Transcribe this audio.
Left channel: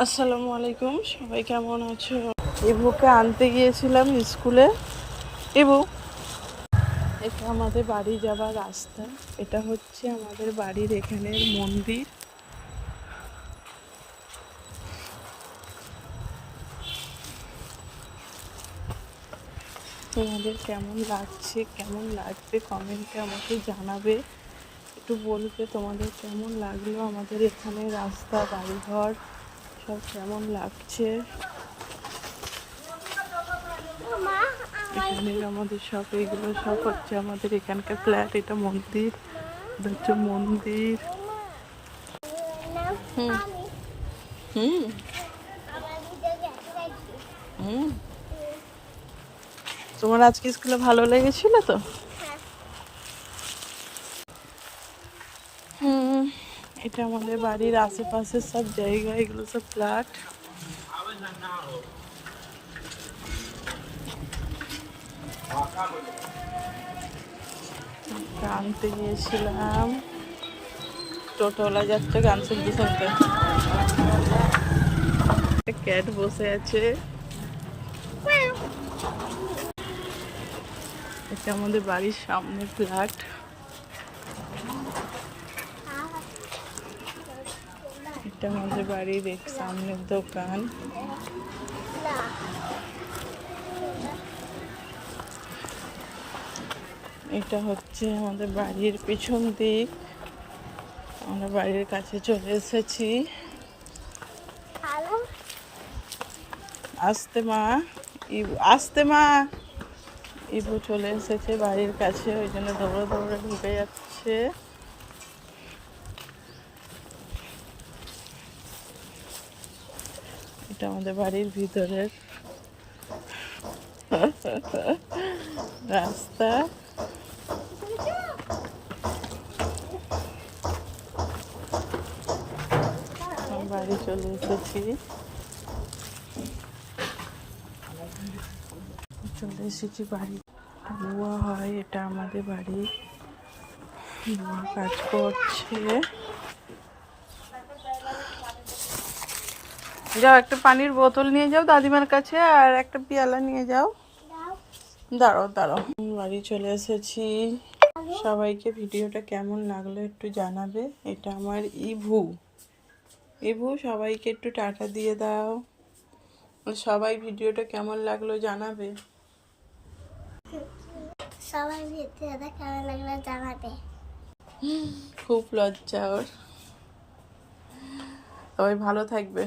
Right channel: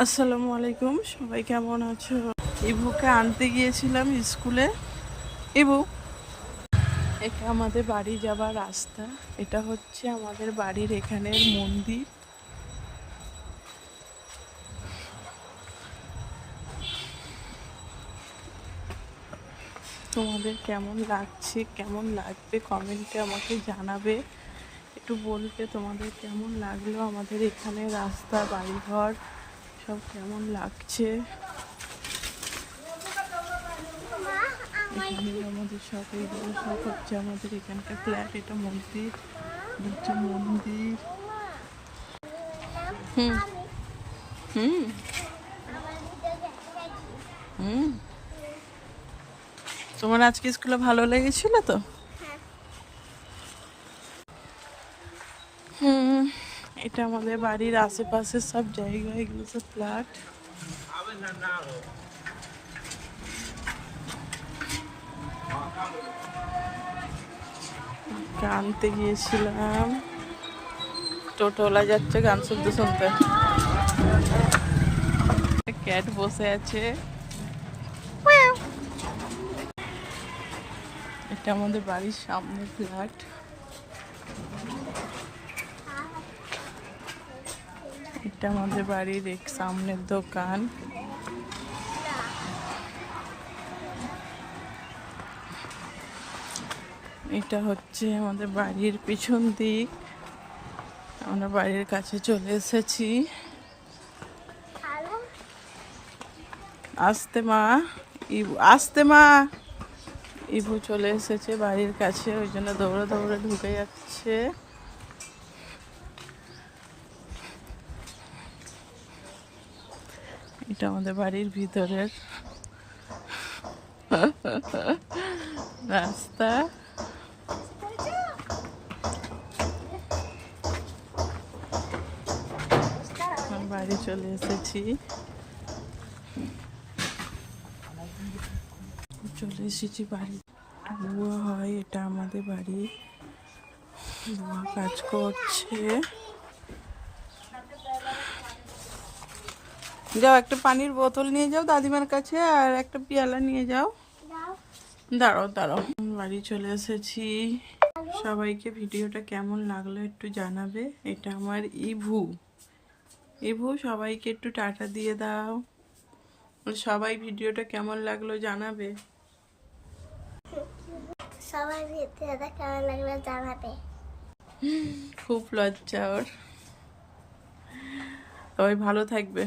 আসসালামু আলাইকুম, সবাই কেমন আছো? ইবুকে আনতে গিয়েছিলাম স্কুলে। ইবু, এটা আমাদের বাড়ি যাবার রাস্তা। এটা হচ্ছে আমাদের বাড়ির এখানের মন্দির। তোমাদের কেমন লাগছে, কেমন লাগবে কমেন্টে আমাকে জানাবে। একটু বলবে তোমাদের কেমন লাগলো আমাদের এখানে রাস্তা, বাড়িঘর সব কেমন লাগছে। এখানে আমাদের সব এগুলো সব হচ্ছে আমাদের এখানকার ফ্ল্যাট। এটা মন্দির, এটা হচ্ছে মন্দির। হুম হুম হুম তোমার আজকে স্কুলে ভালো লেগেছিল তো? হুম, এটা আমাদের বাড়ির আশেপাশে সব জায়গা, এগুলো সব ফ্ল্যাট। আনতে গিয়েছিলাম, টোটোওয়ালা যাচ্ছে গান শুনতে শুনতে। ক্যাট বসে আছে। এটা আমাদের বাড়ির সামনে ফ্ল্যাট। এটা আমাদের বাড়ির এক সামনের দোকান। এটা হচ্ছে আমাদের বাড়ির পিছন দিক। আমরা বাড়ির কাছে চলে এসেছি। আসতে মা, ইবু আসতে মা। ইবু চলে এসেছে বাড়ির কাছে, ওই জন্য দৌড়ে দৌড়ে ঢুকে যাচ্ছে। এটা আমাদের বাড়ির ভিতরের রাস্তা। বাড়ি চলে এসেছি, বাড়ি। বুয়া হয়, এটা আমাদের বাড়ি। বুয়া কাজ করছে। যাও, একটা পানির বোতল নিয়ে যাও দাদিমার কাছে, আর একটা পেয়ালা নিয়ে যাও। দাঁড়াও দাঁড়াও। বাড়ি চলে এসেছি। সবাইকে ভিডিওটা কেমন লাগলো একটু জানাবে। এটা আমার ইভু। ইভু, সবাইকে একটু টাটা দিয়ে দাও। সবাই ভিডিওটা কেমন লাগলো জানাবে। সবাই ভিডিওটা কেমন লাগলো জানাবে। খুব লজ্জা ওর। সবাই ভালো থাকবে।